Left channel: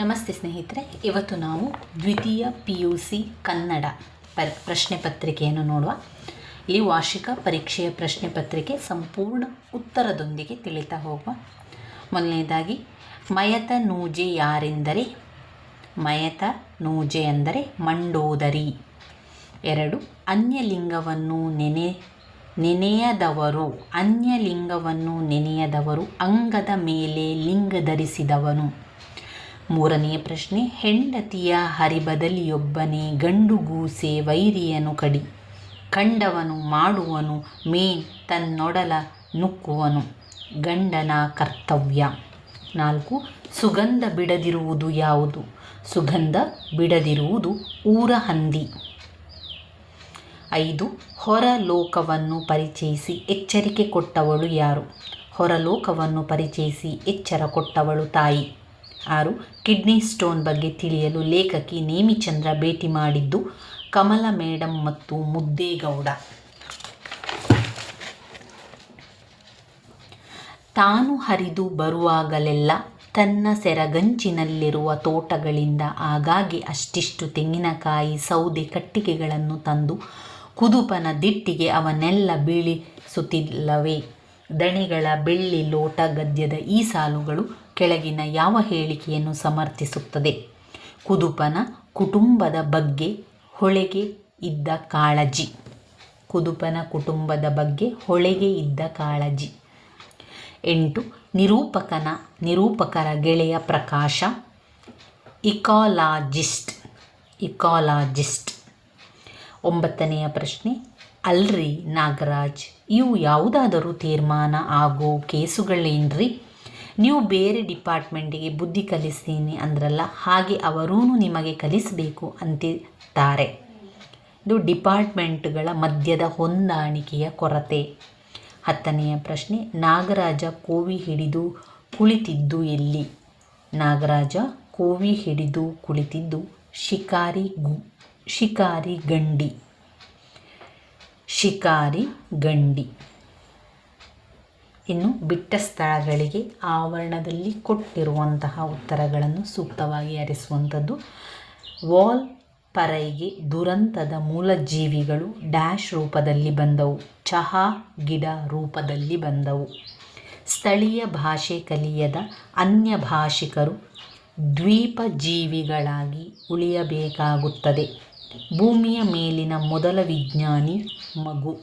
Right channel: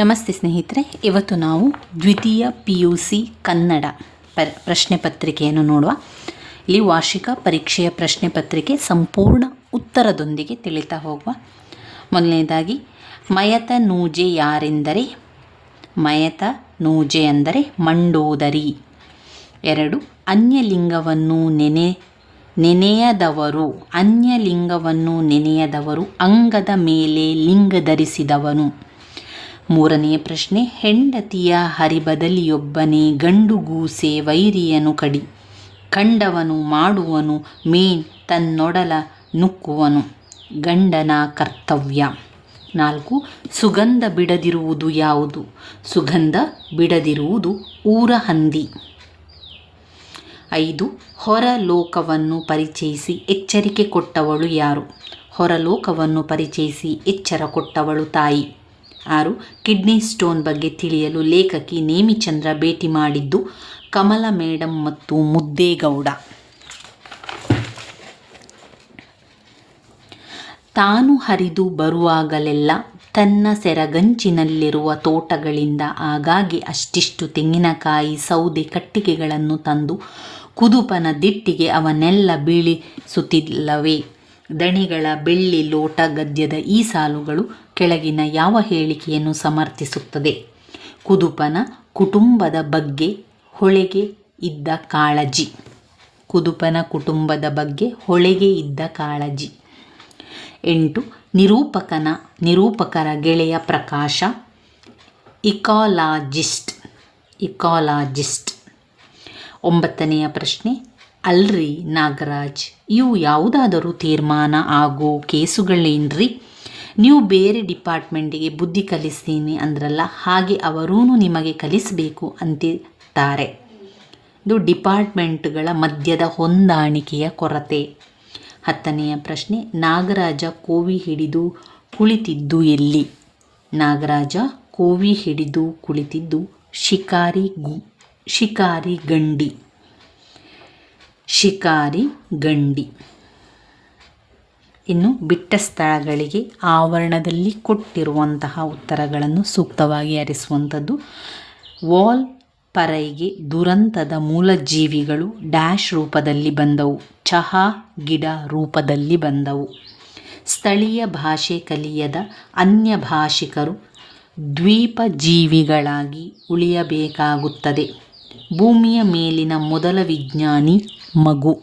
ನಮಸ್ತೆ ಸ್ನೇಹಿತರೆ, ಇವತ್ತು ನಾವು ದ್ವಿತೀಯ ಪಿ ಯು ಸಿ ಕನ್ನಡ ಪ ಪ್ರಶ್ನೆ ಪತ್ರಿಕೆಯನ್ನು ನೋಡುವ. ಇಲ್ಲಿ ವಾರ್ಷಿಕ ಪರೀಕ್ಷೆಯ ಪ್ರಶ್ನೆ ಪತ್ರಿಕೆ ಸಂಪೂರ್ಣ ಉತ್ತರದೊಂದಿಗೆ ತಿಳಿತಾ ಹೋಗುವ. ಮೊದಲನೇದಾಗಿ, ಮಯತ ನೂಜೆ ಯಾರೆಂದರೆ? ಮಯತ ನೂಜೆ ಅಂದರೆ ಮಂಡೋದರಿ. ಎರಡು, ಅನ್ಯಲಿಂಗವನ್ನು ನೆನೆ, ನೆನೆಯದವರು, ಅನ್ಯಲಿಂಗವನ್ನು ನೆನೆಯದವರು, ಅಂಗದ ಮೇಲೆ ಲಿಂಗ ಧರಿಸಿದವನು. ಮೂರನೆಯ ಪ್ರಶ್ನೆ, ಹೆಂಡತಿಯ ಹರಿಬದಲಿಯೊಬ್ಬನೇ ಗಂಡುಗೂಸೆ ವೈರಿಯನು ಕಡಿ. ಕಂಡವನು ಮಾಡುವನು ಮೇನ್ ತನ್ನೊಡಲ ನುಕ್ಕುವನು. ಗಂಡನ ಕರ್ತವ್ಯ. ನಾಲ್ಕು, ಸುಗಂಧ ಬಿಡದಿರುವುದು ಯಾವುದು? ಸುಗಂಧ ಬಿಡದಿರುವುದು ಊರ ಹಂದಿ ಐದು, ಹೊರಲೋಕವನ್ನು ಪರಿಚಯಿಸಿ ಎಚ್ಚರಿಕೆ ಕೊಟ್ಟವಳು ಯಾರು? ಹೊರಲೋಕವನ್ನು ಪರಿಚಯಿಸಿ ಎಚ್ಚರ ಕೊಟ್ಟವಳು ತಾಯಿ. ಆರು, ಕಿಡ್ನಿ ಸ್ಟೋನ್ ಬಗ್ಗೆ ತಿಳಿಯಲು ಲೇಖಕಿ ನೇಮಿಚಂದ್ರ ಭೇಟಿ ಮಾಡಿದ್ದು ಕಮಲ ಮೇಡಂ ಮತ್ತು ಮುದ್ದೇಗೌಡ. ತಾನು ಹರಿದು ಬರುವಾಗಲೆಲ್ಲ ತನ್ನ ಸೆರಗಂಚಿನಲ್ಲಿರುವ ತೋಟಗಳಿಂದ ಆಗಾಗ್ಗೆ ಅಷ್ಟಿಷ್ಟು ತೆಂಗಿನಕಾಯಿ ಸೌದೆ ಕಟ್ಟಿಗೆಗಳನ್ನು ತಂದು ಕುದುಪನ ದಿಟ್ಟಿಗೆ ಅವನ್ನೆಲ್ಲ ಬೀಳಿಸುತ್ತಿಲ್ಲವೇ? ದಣಿಗಳ ಬೆಳ್ಳಿ ಲೋಟ ಗದ್ಯದ ಈ ಸಾಲುಗಳು ಕೆಳಗಿನ ಯಾವ ಹೇಳಿಕೆಯನ್ನು ಸಮರ್ಥಿಸುತ್ತದೆ? ಕುದುಪನ ಕುಟುಂಬದ ಬಗ್ಗೆ ಹೊಳೆಗೆ ಇದ್ದ ಕಾಳಜಿ. ಕುದುಪನ ಕುಟುಂಬದ ಬಗ್ಗೆ ಹೊಳೆಗೆ ಇದ್ದ ಕಾಳಜಿ. ಎಂಟು, ನಿರೂಪಕನ, ನಿರೂಪಕರ ಗೆಳೆಯ ಪ್ರಕಾಶ. ಇಕಾಲಾಜಿಸ್ಟ್ ಇಕಾಲಾಜಿಸ್ಟ್. ಒಂಬತ್ತನೆಯ ಪ್ರಶ್ನೆ, ಅಲ್ರಿ ನಾಗರಾಜ್, ಇವು ಯಾವುದಾದರೂ ತೀರ್ಮಾನ ಆಗೋ ಕೇಸುಗಳೇನ್ರಿ? ನೀವು ಬೇರೆ ಡಿಪಾರ್ಟ್ಮೆಂಟಿಗೆ ಬುದ್ಧಿ ಕಲಿಸ್ತೀನಿ ಅಂದ್ರಲ್ಲ, ಹಾಗೆ ಅವರೂ ನಿಮಗೆ ಕಲಿಸಬೇಕು ಅಂತಿರ್ತಾರೆ ಇದು ಡಿಪಾರ್ಟ್ಮೆಂಟ್ಗಳ ಮಧ್ಯದ ಹೊಂದಾಣಿಕೆಯ ಕೊರತೆ. ಹತ್ತನೆಯ ಪ್ರಶ್ನೆ, ನಾಗರಾಜ ಕೋವಿ ಹಿಡಿದು ಕುಳಿತಿದ್ದು ಎಲ್ಲಿ? ನಾಗರಾಜ ಕೋವಿ ಹಿಡಿದು ಕುಳಿತಿದ್ದು ಶಿಕಾರಿ ಗು, ಶಿಕಾರಿ ಗಂಡಿ. ಶಿಕಾರಿ ಗಂಡಿ. ಇನ್ನು ಬಿಟ್ಟ ಸ್ಥಳಗಳಿಗೆ ಆವರಣದಲ್ಲಿ ಕೊಟ್ಟಿರುವಂತಹ ಉತ್ತರಗಳನ್ನು ಸೂಕ್ತವಾಗಿ ಅರಿಸುವಂಥದ್ದು. ವಾಲ್ ಪರೈಗೆ ದುರಂತದ ಮೂಲಜೀವಿಗಳು ಡ್ಯಾಶ್ ರೂಪದಲ್ಲಿ ಬಂದವು, ಚಹಾ ಗಿಡ ರೂಪದಲ್ಲಿ ಬಂದವು. ಸ್ಥಳೀಯ ಭಾಷೆ ಕಲಿಯದ ಅನ್ಯ ಭಾಷಿಕರು ದ್ವೀಪ ಜೀವಿಗಳಾಗಿ ಉಳಿಯಬೇಕಾಗುತ್ತದೆ. ಭೂಮಿಯ ಮೇಲಿನ ಮೊದಲ ವಿಜ್ಞಾನಿ ಮಗು.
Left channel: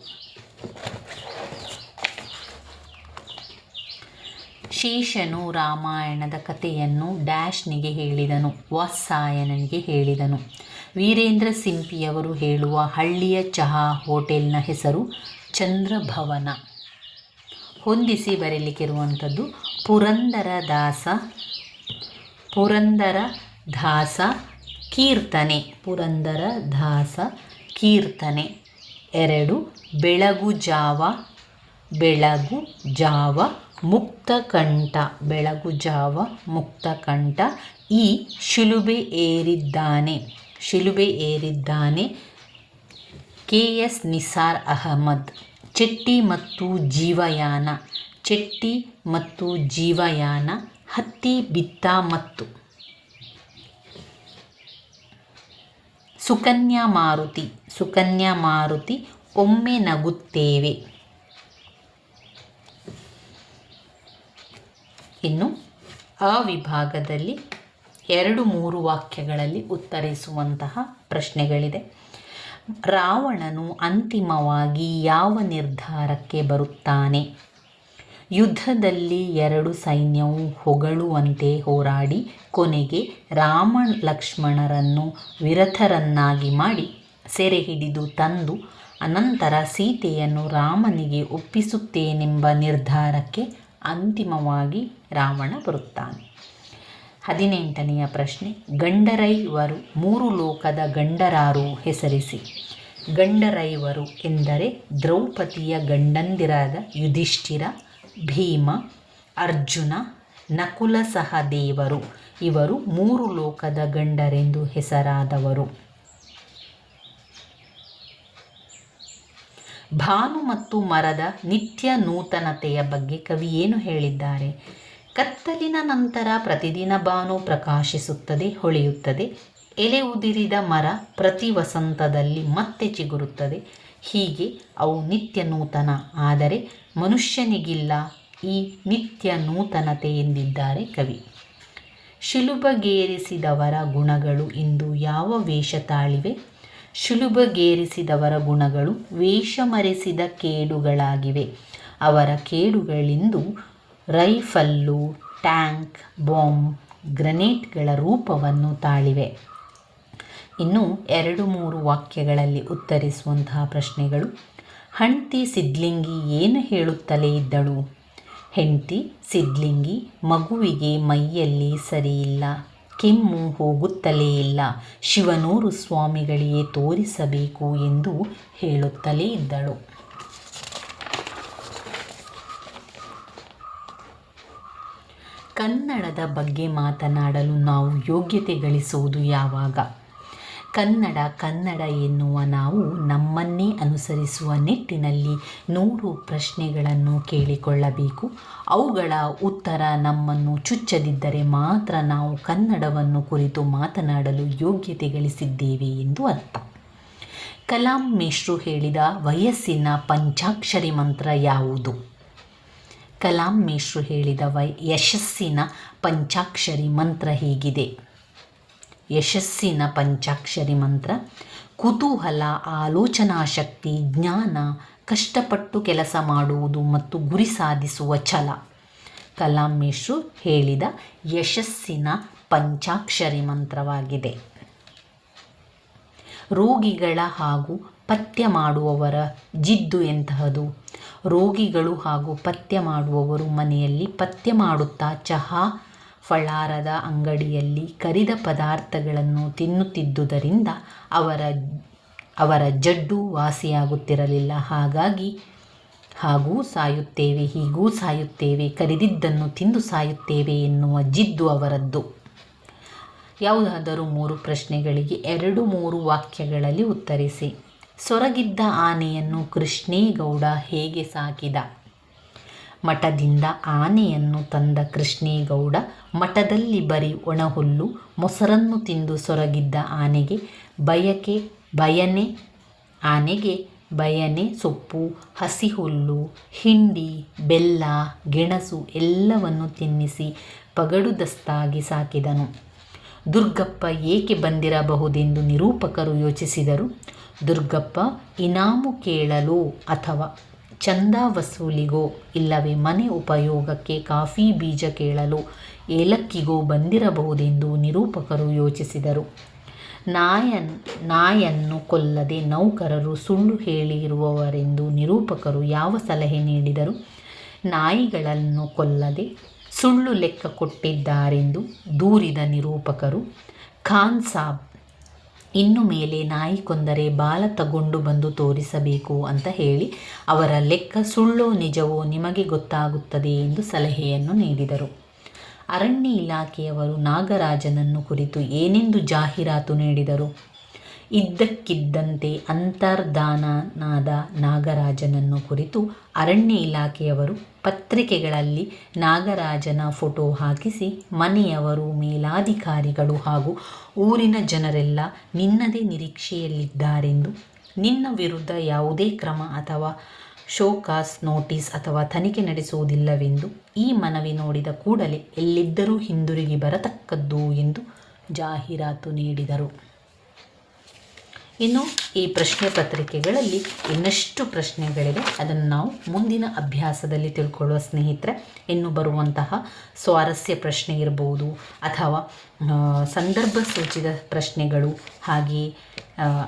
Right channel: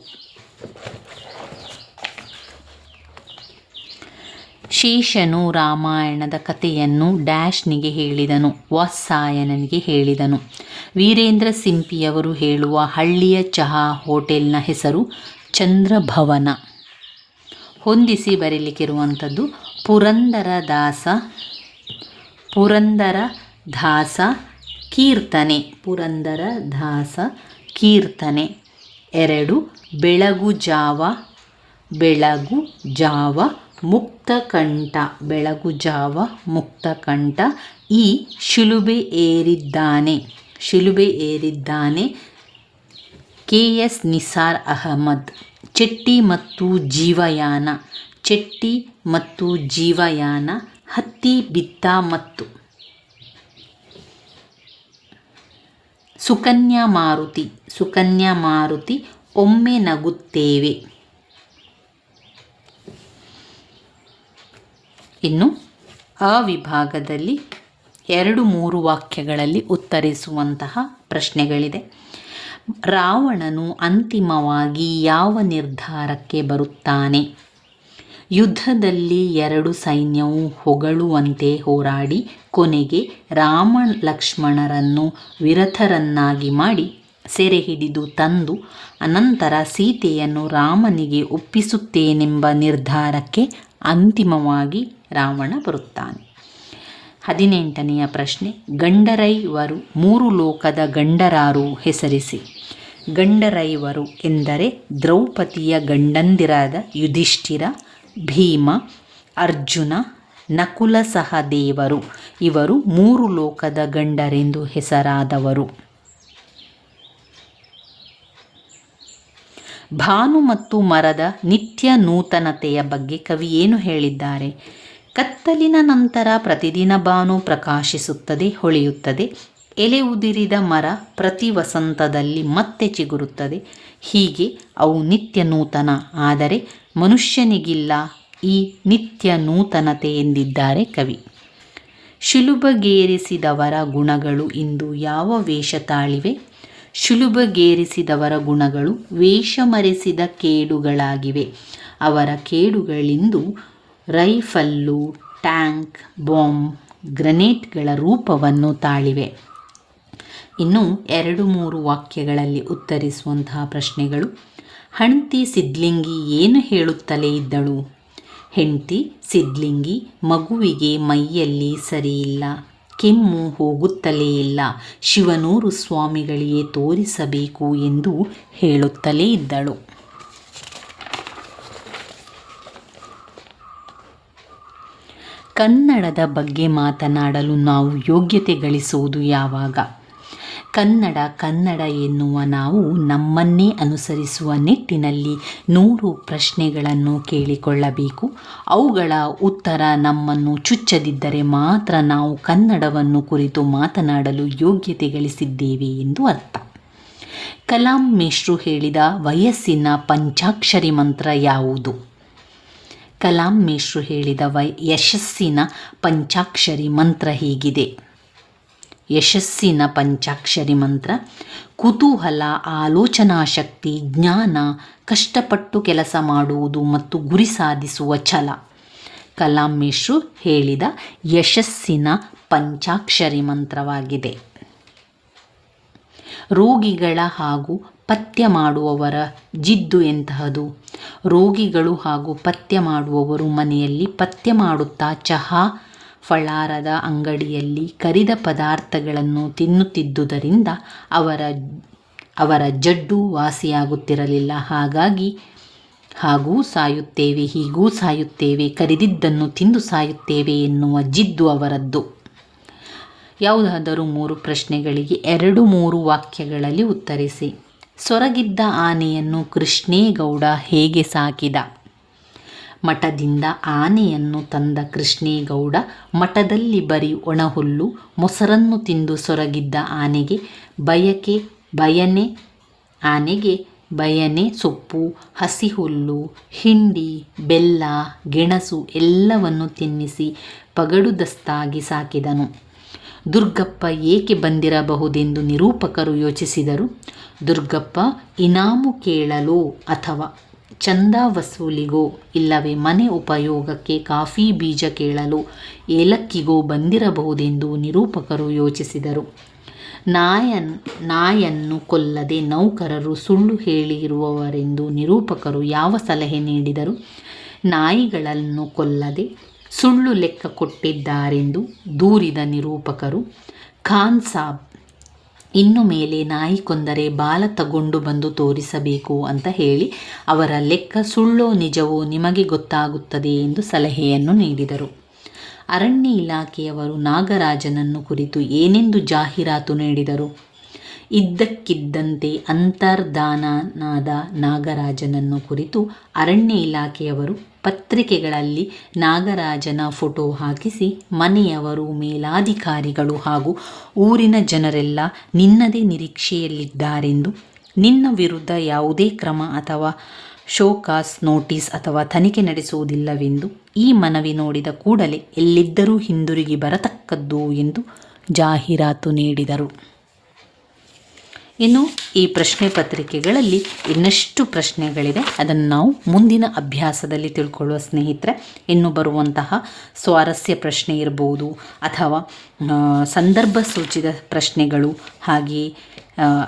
ಶೇಷನು ರಾಮಾಯಣದ ಕಥೆಯನ್ನು ಡ್ಯಾಶ್ನಿಗೆ ಹೇಳಿದನು, ವಾತ್ಸಾಯನನಿಗೆ ಹೇಳಿದನು. ವೀರೇಂದ್ರ ಸಿಂಪಿಯವರು ಹೇಳುವ ಹಳ್ಳಿಯ ಚಹಾ ಹೋಟೆಲ್ನ ಹೆಸರು ಚಂದ್ರಭವನ. ಹೊಂದಿಸಿ ಬರೀಲಿಕ್ಕಿರುವಂಥದ್ದು ಪುರಂದರದಾಸ ಪುರಂದರ ದಾಸ ಕೀರ್ತನೆ, ಪುರಂದರ ದಾಸ ಕೀರ್ತನೆ. ಎರಡು, ಬೆಳಗು ಜಾವ ಬೆಳಗು ಜಾವ ಮುಕ್ತಕಂಠ ಬೆಳಗು ಜಾವ ಮುಕ್ತಕಂಠ ಈ ಶಿಲುಬೆ ಏರಿದ್ದಾನೆ ಶಿಲುಬೆ ಏರಿದ್ದಾನೆ ಕೆ ಎಸ್ ನಿಸಾರ್ ಅಹಮದ್. ಚೆಟ್ಟಿ ಮತ್ತು ಜೀವಯಾನ, ಚೆಟ್ಟಿ ಮತ್ತು ಜೀವಯಾನ, ಹತ್ತಿ ಬಿತ್ತ ಮತ್ತು ಸುಕನ್ಯಾ ಮಾರುತಿ ಸುಕನ್ಯಾ ಮಾರುತಿ, ಒಮ್ಮೆ ನಗುತ್ತೇವೆ. ಇನ್ನು ಆ ವಿಭಾಗದಲ್ಲಿ ಎರಡು ಮೂರು ವಾಕ್ಯಗಳಲ್ಲಿ ಉತ್ತರಿಸುವಂತಹ ಪ್ರಶ್ನೆಗಳಿದೆ. ರಾವಣನು ಅಂತಿಮವಾಗಿ ಯಾವ ನಿರ್ಧಾರಕ್ಕೆ ಬರುತ್ತಾನೆ? ಯುದ್ಧದಲ್ಲಿ ಎರಡು ಸೈನ್ಯವು ಹೊಗಳುವಂತೆ ಹೋರಾಡಿ ಕೊನೆಗೆ ರಾಮ ಲಕ್ಷ್ಮಣರನ್ನು ವಿರಥರನ್ನಾಗಿ ಮಾಡಿ ಸೆರೆ ಹಿಡಿದು ತಂದು ಅನಂತರ ಸೀತೆಯನ್ನು ರಾಮನಿಗೆ ಒಪ್ಪಿಸುತ್ತೇನೆಂಬ ನಿರ್ಧಾರಕ್ಕೆ ಅಂತಿಮವಾಗಿ ರಾವಣ ಬರುತ್ತಾನೆ. ಹದಿನೆಂಟನೆಯ ಪ್ರಶ್ನೆ, ಗಂಡರೈವರು ಮೂರು ಲೋಕದ ಗಂಡರಾರು ಹೆಸರಿಸಿ. ಗಂಡರೈವರು ಎಂದರೆ ದ್ರೌಪದಿಯ ಗಂಡಂದಿರಾದ ಯುಧಿಷ್ಠಿರ, ಭೀಮ, ಅರ್ಜುನ, ನಕುಲ ಸಹದೇವರು ಇವರು ಮೂರು ಲೋಕದ ಗಂಡರೆಂದು ಹೆಸರಾದವರು. ಭಾನು ಮತ್ತು ಮರದ ನಿತ್ಯ ನೂತನತೆಯ ಬಗ್ಗೆ ಕವಿ ಏನು ಹೇಳಿದ್ದಾರೆ? ಕತ್ತಲಿನ ನಂತರ ಪ್ರತಿದಿನ ಬಾನು ಪ್ರಕಾಶಿಸುತ್ತದೆ, ಹೊಳೆಯುತ್ತದೆ. ಎಲೆ ಉದಿರಿದ ಮರ ಪ್ರತಿ ವಸಂತದಲ್ಲಿ ಮತ್ತೆ ಚಿಗುರುತ್ತದೆ. ಹೀಗೆ ಅವು ನಿತ್ಯ ನೂತನ. ಆದರೆ ಮನುಷ್ಯನಿಗಿಲ್ಲ, ಈ ನಿತ್ಯ ನೂತನತೆ ಎಂದಿದ್ದಾರೆ ಕವಿ. ಶಿಲುಬಗೇರಿಸಿದವರ ಗುಣಗಳು ಇಂದು ಯಾವ ವೇಷ ತಾಳಿವೆ? ಶಿಲುಬಗೇರಿಸಿದವರ ಗುಣಗಳು ವೇಷ ಮರೆಸಿದ ಕೇಡುಗಳಾಗಿವೆ. ಅವರ ಕೇಡುಗಳಿಂದು ರೈಫಲ್ಲು, ಟ್ಯಾಂಕ್, ಬಾಂಬ್ ಗ್ರನೇಟ್ಗಳ ರೂಪವನ್ನು ತಾಳಿವೆ. ಇನ್ನು ಎರಡು ಮೂರು ವಾಕ್ಯಗಳಲ್ಲಿ ಉತ್ತರಿಸುವಂತಹ ಪ್ರಶ್ನೆಗಳು. ಹಣ್ತಿ ಸಿದ್ಲಿಂಗಿ ಏನು ಹೇಳುತ್ತಲೇ ಇದ್ದಳು ಹೆಂಡತಿ ಸಿದ್ಲಿಂಗಿ ಮಗುವಿಗೆ ಮೈಯಲ್ಲಿ ಸರಿಯಿಲ್ಲ. ಕೆಮ್ಮು ಹೋಗುತ್ತಲೇ ಇಲ್ಲ. ಶಿವನೂರು ಸ್ವಾಮಿಗಳಿಗೆ ತೋರಿಸಬೇಕು ಎಂದು ಹೇಳುತ್ತಲೇ ಇದ್ದಳು. ಕನ್ನಡದ ಬಗ್ಗೆ ಮಾತನಾಡಲು ನಾವು ಯೋಗ್ಯತೆ ಗಳಿಸುವುದು ಯಾವಾಗ? ಕನ್ನಡ ಕನ್ನಡ ಎನ್ನುವ ನಾವು ನಮ್ಮನ್ನೇ ಅನುಸರಿಸುವ ನಿಟ್ಟಿನಲ್ಲಿ ನೂರು ಪ್ರಶ್ನೆಗಳನ್ನು ಕೇಳಿಕೊಳ್ಳಬೇಕು. ಅವುಗಳ ಉತ್ತರ ನಮ್ಮನ್ನು ಚುಚ್ಚದಿದ್ದರೆ ಮಾತ್ರ ನಾವು ಕನ್ನಡವನ್ನು ಕುರಿತು ಮಾತನಾಡಲು ಯೋಗ್ಯತೆ ಗಳಿಸಿದ್ದೇವೆ ಎಂದು ಅರ್ಥ. ಕಲಾಂ ಮೇಷ್ರು ಹೇಳಿದ ವಯಸ್ಸಿನ ಪಂಚಾಕ್ಷರಿ ಮಂತ್ರ ಯಾವುದು? ಕಲಾಂ ಮೇಷ್ರು ಹೇಳಿದ ವೈ ಯಶಸ್ಸಿನ ಪಂಚಾಕ್ಷರಿ ಮಂತ್ರ ಹೀಗಿದೆ? ಯಶಸ್ಸಿನ ಪಂಚಾಕ್ಷರಿ ಮಂತ್ರ. ಕುತೂಹಲ, ಆಲೋಚನಾ ಶಕ್ತಿ, ಜ್ಞಾನ, ಕಷ್ಟಪಟ್ಟು ಕೆಲಸ ಮಾಡುವುದು ಮತ್ತು ಗುರಿ ಸಾಧಿಸುವ ಛಲ. ಕಲಾಂ ಹೇಳಿದ ಯಶಸ್ಸಿನ ಪಂಚಾಕ್ಷರಿ ಮಂತ್ರವಾಗಿದೆ. ರೋಗಿಗಳ ಹಾಗೂ ಪಥ್ಯ ಮಾಡುವವರ ಜಿದ್ದು ಎಂತಹದು? ರೋಗಿಗಳು ಹಾಗೂ ಪಥ್ಯ ಮಾಡುವವರು ಮನೆಯಲ್ಲಿ ಪಥ್ಯ ಮಾಡುತ್ತಾ ಚಹಾ ಫಳಾರದ ಅಂಗಡಿಯಲ್ಲಿ ಕರಿದ ಪದಾರ್ಥಗಳನ್ನು ತಿನ್ನುತ್ತಿದ್ದುದರಿಂದ ಅವರ ಅವರ ಜಡ್ಡು ವಾಸಿಯಾಗುತ್ತಿರಲಿಲ್ಲ. ಹಾಗಾಗಿ ಹಾಗೂ ಸಾಯುತ್ತೇವೆ, ಹೀಗೂ ಸಾಯುತ್ತೇವೆ, ಕರಿದಿದ್ದನ್ನು ತಿಂದು ಸಾಯುತ್ತೇವೆ ಎನ್ನುವ ಜಿದ್ದು ಅವರದ್ದು. ಯಾವುದಾದರೂ ಮೂರು ಪ್ರಶ್ನೆಗಳಿಗೆ ಎರಡು ಮೂರು ವಾಕ್ಯಗಳಲ್ಲಿ ಉತ್ತರಿಸಿ. ಸೊರಗಿದ್ದ ಆನೆಯನ್ನು ಕೃಷ್ಣೇಗೌಡ ಹೇಗೆ ಸಾಕಿದ? ಮಠದಿಂದ ಆನೆಯನ್ನು ತಂದ ಕೃಷ್ಣೇಗೌಡ ಮಠದಲ್ಲಿ ಬರೀ ಒಣಹುಲ್ಲು, ಮೊಸರನ್ನು ತಿಂದು ಸೊರಗಿದ್ದ ಆನೆಗೆ ಬಯಕೆ, ಬಯನೆ, ಆನೆಗೆ ಬಯನೆ ಸೊಪ್ಪು ಹಸಿ ಹುಲ್ಲು ಹಿಂಡಿ, ಬೆಲ್ಲ, ಗೆಣಸು ಎಲ್ಲವನ್ನು ತಿನ್ನಿಸಿ ಪಗಡುದಸ್ತಾಗಿ ಸಾಕಿದನು. ದುರ್ಗಪ್ಪ ಏಕೆ ಬಂದಿರಬಹುದೆಂದು ನಿರೂಪಕರು ಯೋಚಿಸಿದರು. ದುರ್ಗಪ್ಪ, ಇನಾಮು ಕೇಳಲು ಅಥವಾ ಚಂದ ವಸೂಲಿಗೋ ಇಲ್ಲವೇ ಮನೆ ಉಪಯೋಗಕ್ಕೆ ಕಾಫಿ ಬೀಜ ಕೇಳಲು ಏಲಕ್ಕಿಗೋ ಬಂದಿರಬಹುದೆಂದು ನಿರೂಪಕರು ಯೋಚಿಸಿದರು. ನಾಯನ್, ನಾಯನ್ನು ಕೊಲ್ಲದೆ ನೌಕರರು ಸುಳ್ಳು ಹೇಳಿರುವವರೆಂದು ನಿರೂಪಕರು ಯಾವ ಸಲಹೆ ನೀಡಿದರು? ನಾಯಿಗಳನ್ನು ಕೊಲ್ಲದೆ ಸುಳ್ಳು ಲೆಕ್ಕ ಕೊಟ್ಟಿದ್ದಾರೆಂದು ದೂರಿದ ನಿರೂಪಕರು, ಖಾನ್ ಸಾಬ್ ಇನ್ನು ಮೇಲೆ ನಾಯಿ ಕೊಂದರೆ ಬಾಲ ತಗೊಂಡು ಬಂದು ತೋರಿಸಬೇಕು ಅಂತ ಹೇಳಿ ಅವರ ಲೆಕ್ಕ ಸುಳ್ಳೋ ನಿಜವೋ ನಿಮಗೆ ಗೊತ್ತಾಗುತ್ತದೆ ಎಂದು ಸಲಹೆಯನ್ನು ನೀಡಿದರು. ಅರಣ್ಯ ಇಲಾಖೆಯವರು ನಾಗರಾಜನನ್ನು ಕುರಿತು ಏನೆಂದು ಜಾಹೀರಾತು ನೀಡಿದರು? ಇದ್ದಕ್ಕಿದ್ದಂತೆ ಅಂತರ್ಧಾನನಾದ ನಾಗರಾಜನನ್ನು ಕುರಿತು ಅರಣ್ಯ ಇಲಾಖೆಯವರು ಪತ್ರಿಕೆಗಳಲ್ಲಿ ನಾಗರಾಜನ ಫೋಟೋ ಹಾಕಿಸಿ, ಮನೆಯವರು, ಮೇಲಾಧಿಕಾರಿಗಳು ಹಾಗೂ ಊರಿನ ಜನರೆಲ್ಲ ನಿನ್ನದೇ ನಿರೀಕ್ಷೆಯಲ್ಲಿದ್ದಾರೆಂದು, ನಿನ್ನ ವಿರುದ್ಧ ಯಾವುದೇ ಕ್ರಮ ಅಥವಾ ಶೋಕಾಸ್ ನೋಟಿಸ್ ಅಥವಾ ತನಿಖೆ ನಡೆಸುವುದಿಲ್ಲವೆಂದು ಈ ಮನವಿ ನೋಡಿದ ಕೂಡಲೇ ಎಲ್ಲಿದ್ದರೂ ಹಿಂದಿರುಗಿ ಬರತಕ್ಕದ್ದು ಎಂದು ಜಾಹೀರಾತು ನೀಡಿದರು. ಇನ್ನು ಈ ಪ್ರಶ್ನೆ ಪತ್ರಿಕೆಗಳಲ್ಲಿ ಇನ್ನಷ್ಟು ಪ್ರಶ್ನೆಗಳಿದೆ ಅದನ್ನು ನಾವು ಮುಂದಿನ ಅಭ್ಯಾಸದಲ್ಲಿ ತಿಳ್ಕೊಳ್ಳುವ ಸ್ನೇಹಿತರೆ, ಇನ್ನು ಬರುವಂತಹ ಸ್ವಾರಸ್ಯ ಪ್ರಶ್ನೆ ಇರ್ಬೋದು ಅಥವಾ ಸಂದರ್ಭ ಸೂಚಿತ ಪ್ರಶ್ನೆಗಳು, ಹಾಗೆಯೇ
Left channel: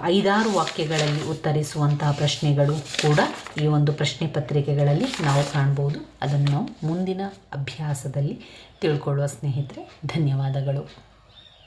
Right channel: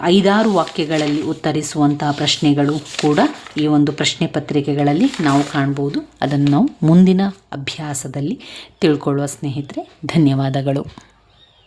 ಐದಾರು ವಾಕ್ಯಗಳಲ್ಲಿ ಉತ್ತರಿಸುವಂತಹ ಪ್ರಶ್ನೆಗಳು ಕೂಡ ಈ ಒಂದು ಪ್ರಶ್ನೆ ಪತ್ರಿಕೆಗಳಲ್ಲಿ ನಾವು ಕಾಣ್ಬೋದು. ಅದನ್ನು ನಾವು ಮುಂದಿನ ಅಭ್ಯಾಸದಲ್ಲಿ ತಿಳ್ಕೊಳ್ಳುವ ಸ್ನೇಹಿತರೆ, ಧನ್ಯವಾದಗಳು.